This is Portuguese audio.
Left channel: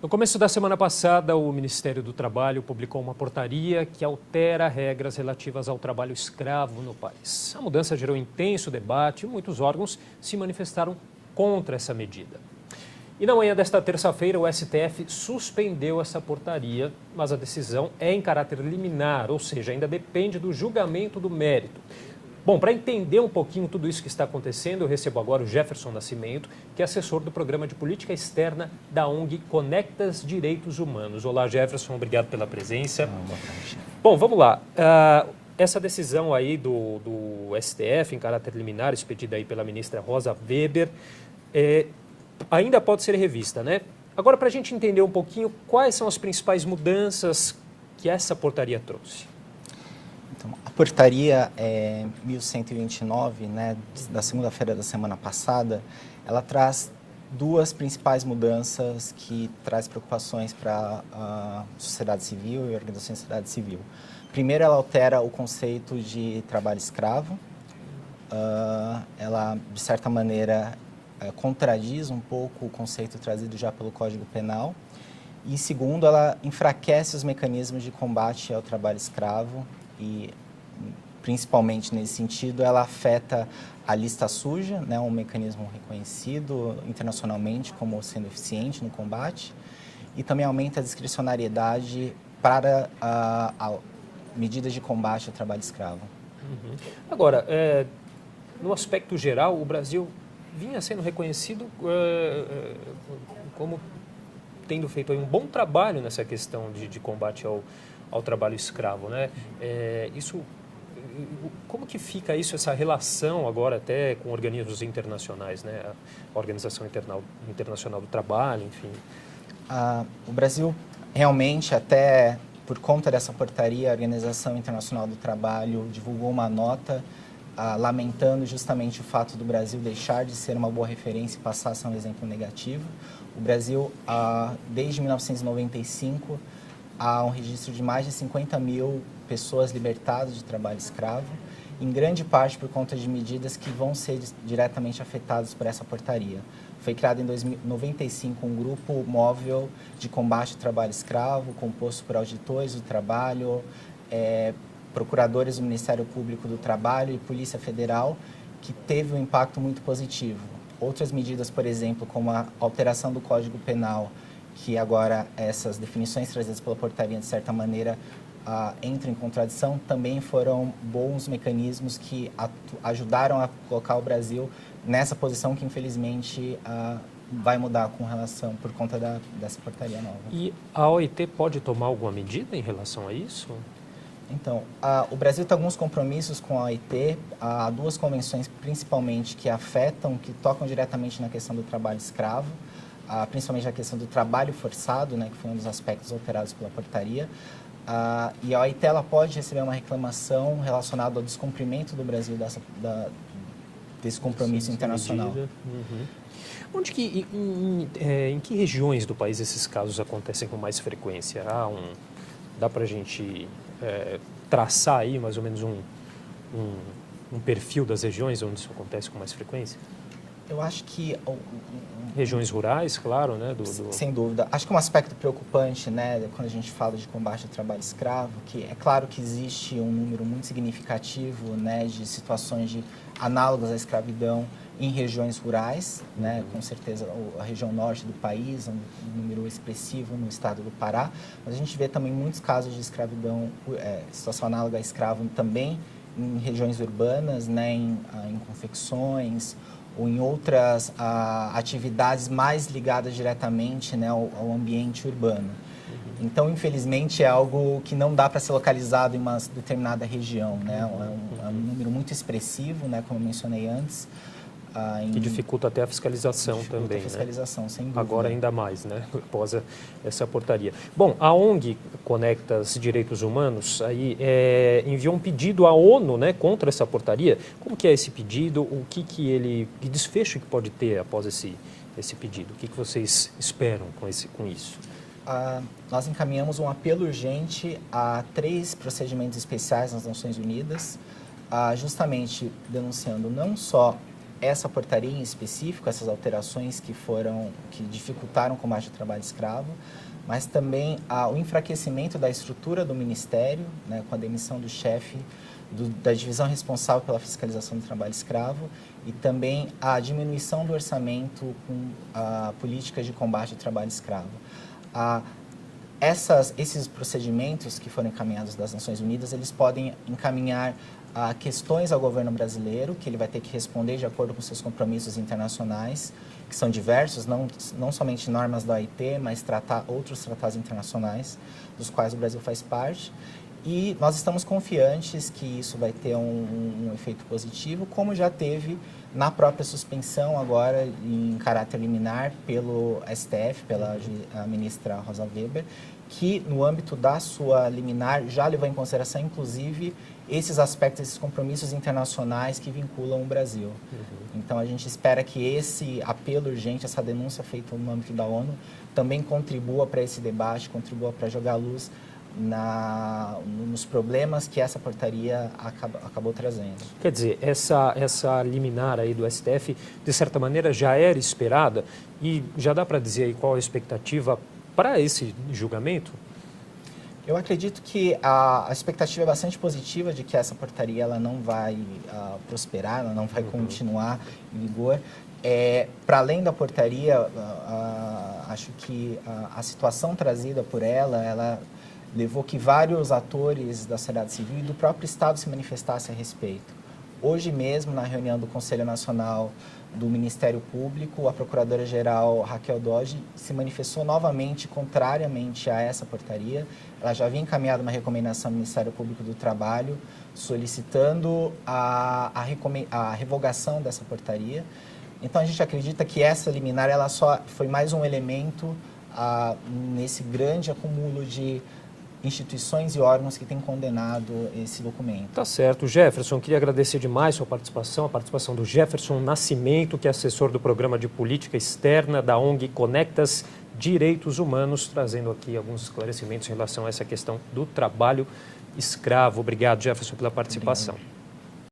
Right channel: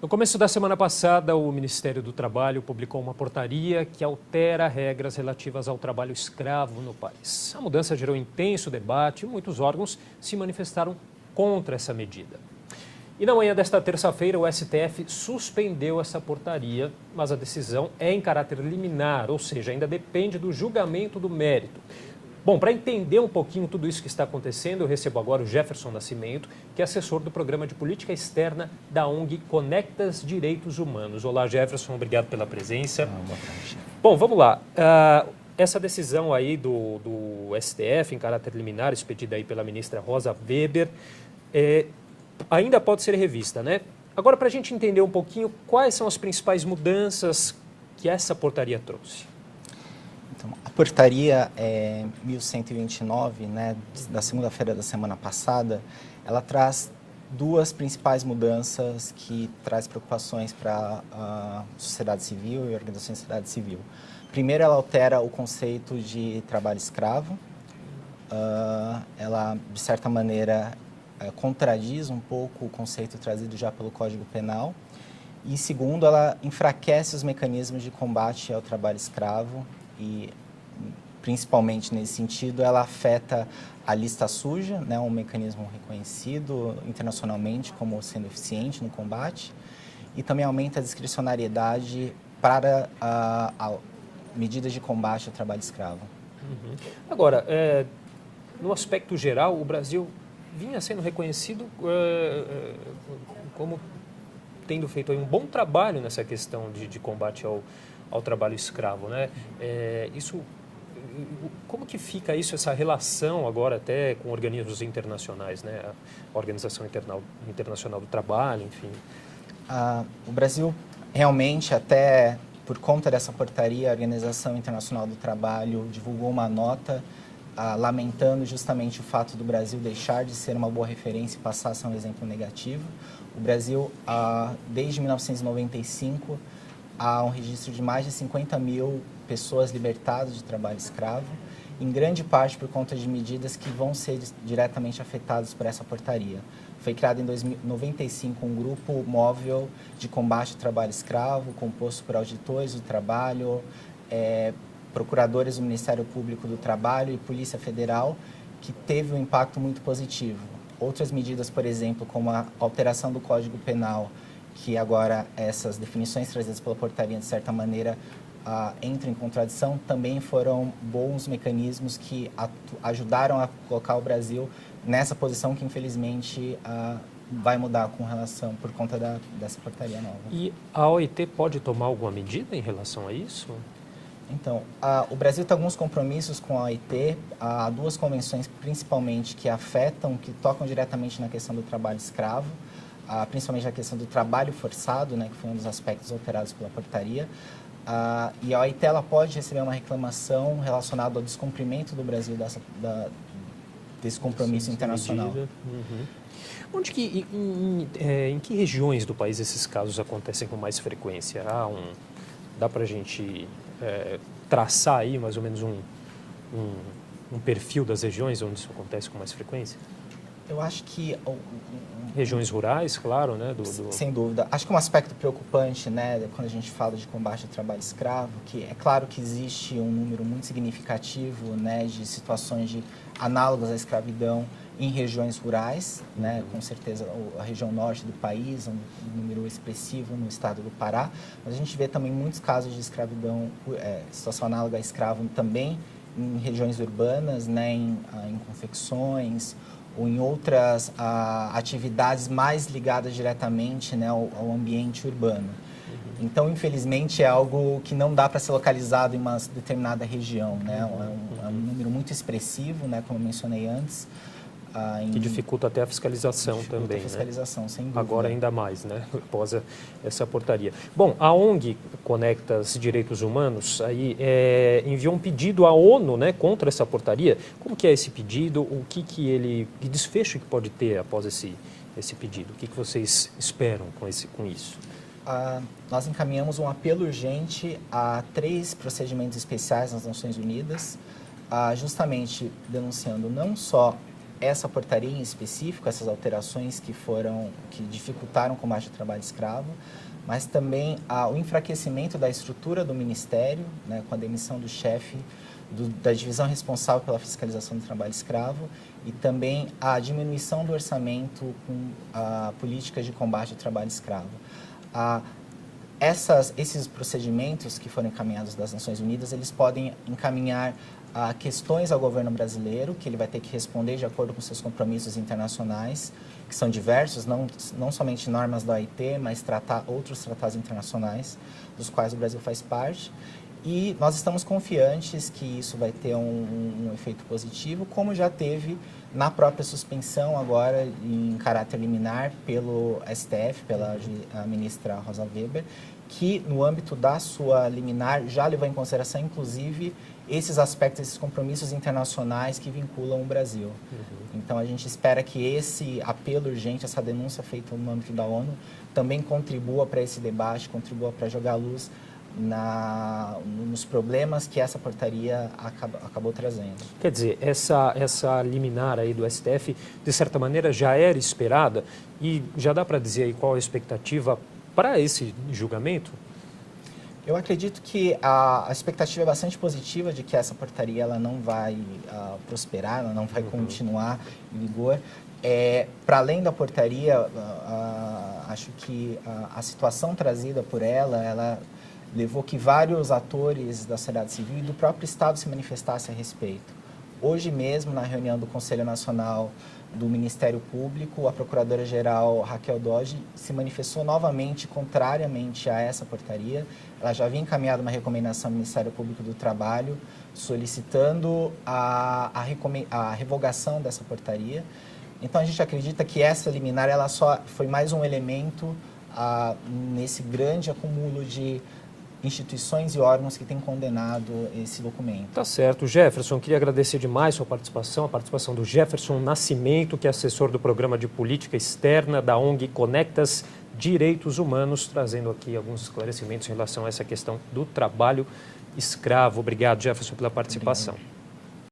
No começo da semana passada, o Ministério do Trabalho publicou uma portaria que altera regras relativas ao trabalho escravo no país. A mudança gerou intenso debate e muitos órgãos se manifestaram contra essa medida. E na manhã desta terça-feira, o STF suspendeu essa portaria, mas a decisão é em caráter liminar, ou seja, ainda depende do julgamento do mérito. Bom, para entender um pouquinho tudo isso que está acontecendo, eu recebo agora o Jefferson Nascimento, que é assessor do Programa de Política Externa da ONG Conectas Direitos Humanos. Olá, Jefferson, obrigado pela presença. Boa tarde. Bom, vamos lá. Essa decisão aí do STF, em caráter liminar, expedida aí pela ministra Rosa Weber, ainda pode ser revista, né? Agora, para a gente entender um pouquinho, quais são as principais mudanças que essa portaria trouxe? Então, a portaria 1129, né, da segunda-feira da semana passada, ela traz duas principais mudanças que traz preocupações para a sociedade civil e organizações da sociedade civil. Primeiro, ela altera o conceito de trabalho escravo. Ela, de certa maneira, contradiz um pouco o conceito trazido já pelo Código Penal. E segundo, ela enfraquece os mecanismos de combate ao trabalho escravo e, principalmente nesse sentido, ela afeta a lista suja, né, um mecanismo reconhecido internacionalmente como sendo eficiente no combate, e também aumenta a discricionariedade para medidas de combate ao trabalho escravo. Agora, no aspecto geral, o Brasil vinha sendo reconhecido como tendo feito aí um bom trabalho nessa questão de combate ao trabalho escravo, né? Como que fica isso, essa relação agora até com organismos internacionais, né? A Organização Internacional do Trabalho, enfim. O Brasil realmente, até por conta dessa portaria, a Organização Internacional do Trabalho divulgou uma nota lamentando justamente o fato do Brasil deixar de ser uma boa referência e passar a ser um exemplo negativo. O Brasil, desde 1995, há um registro de mais de 50 mil pessoas libertadas de trabalho escravo, em grande parte por conta de medidas que vão ser diretamente afetadas por essa portaria. Foi criado em 1995 um grupo móvel de combate ao trabalho escravo, composto por auditores do trabalho, procuradores do Ministério Público do Trabalho e Polícia Federal, que teve um impacto muito positivo. Outras medidas, por exemplo, como a alteração do Código Penal, que agora essas definições trazidas pela portaria, de certa maneira, entram em contradição, também foram bons mecanismos que ajudaram a colocar o Brasil nessa posição que, infelizmente, vai mudar com relação, por conta dessa portaria nova. E a OIT pode tomar alguma medida em relação a isso? Então, o Brasil tem alguns compromissos com a OIT, há duas convenções principalmente que afetam, que tocam diretamente na questão do trabalho escravo, principalmente a questão do trabalho forçado, né, que foi um dos aspectos alterados pela portaria, e a OIT ela pode receber uma reclamação relacionada ao descumprimento do Brasil desse compromisso internacional. Uhum. Em que regiões do país esses casos acontecem com mais frequência? Dá para a gente traçar aí mais ou menos um perfil das regiões onde isso acontece com mais frequência? Eu acho que... Regiões rurais, claro, né? Sem dúvida. Acho que um aspecto preocupante, né, quando a gente fala de combate ao trabalho escravo, que é claro que existe um número muito significativo, né, de situações análogas à escravidão em regiões rurais, né, com certeza a região norte do país, um número expressivo no estado do Pará, mas a gente vê também muitos casos de escravidão, situação análoga à escravo também em regiões urbanas, né, em confecções, ou em outras atividades mais ligadas diretamente, né, ao ambiente urbano. Então, infelizmente, é algo que não dá para ser localizado em uma determinada região, né? É um número muito expressivo, né, como eu mencionei antes. Que dificulta até a fiscalização também, a fiscalização, sem dúvida. Agora ainda mais, né, após essa portaria. Bom, a ONG Conectas Direitos Humanos aí, enviou um pedido à ONU, né, contra essa portaria. Como que é esse pedido? Que desfecho que pode ter após esse pedido? O que vocês esperam com isso? Nós encaminhamos um apelo urgente a 3 procedimentos especiais nas Nações Unidas, justamente denunciando não só essa portaria em específico, essas alterações que dificultaram o combate ao trabalho escravo, mas também o enfraquecimento da estrutura do Ministério, né, com a demissão do chefe da divisão responsável pela fiscalização do trabalho escravo, e também a diminuição do orçamento com políticas de combate ao trabalho escravo. Esses procedimentos que foram encaminhados das Nações Unidas, eles podem encaminhar questões ao governo brasileiro, que ele vai ter que responder de acordo com seus compromissos internacionais, que são diversos, não somente normas da OIT, mas outros tratados internacionais, dos quais o Brasil faz parte. E nós estamos confiantes que isso vai ter um efeito positivo, como já teve na própria suspensão agora em caráter liminar pelo STF, pela ministra Rosa Weber, que no âmbito da sua liminar já levou em consideração, inclusive, esses aspectos, esses compromissos internacionais que vinculam o Brasil. Então a gente espera que esse apelo urgente, essa denúncia feita no âmbito da ONU, também contribua para esse debate, contribua para jogar luz nos problemas que essa portaria acabou trazendo. Quer dizer, essa liminar aí do STF, de certa maneira, já era esperada e já dá para dizer aí qual a expectativa para esse julgamento? Eu acredito que a expectativa é bastante positiva de que essa portaria ela não vai prosperar, ela não vai continuar em vigor. Para além da portaria, acho que a situação trazida por ela levou que vários atores da sociedade civil e do próprio Estado se manifestassem a respeito. Hoje mesmo, na reunião do Conselho Nacional do Ministério Público, a Procuradora-Geral Raquel Dodge se manifestou novamente contrariamente a essa portaria. Ela já havia encaminhado uma recomendação ao Ministério Público do Trabalho solicitando a revogação dessa portaria. Então a gente acredita que essa liminar ela só foi mais um elemento nesse grande acúmulo de instituições e órgãos que têm condenado esse documento. Tá certo. Jefferson, queria agradecer demais sua participação, a participação do Jefferson Nascimento, que é assessor do Programa de Política Externa da ONG Conectas Direitos Humanos, trazendo aqui alguns esclarecimentos em relação a essa questão do trabalho escravo. Obrigado, Jefferson, pela participação. Obrigado.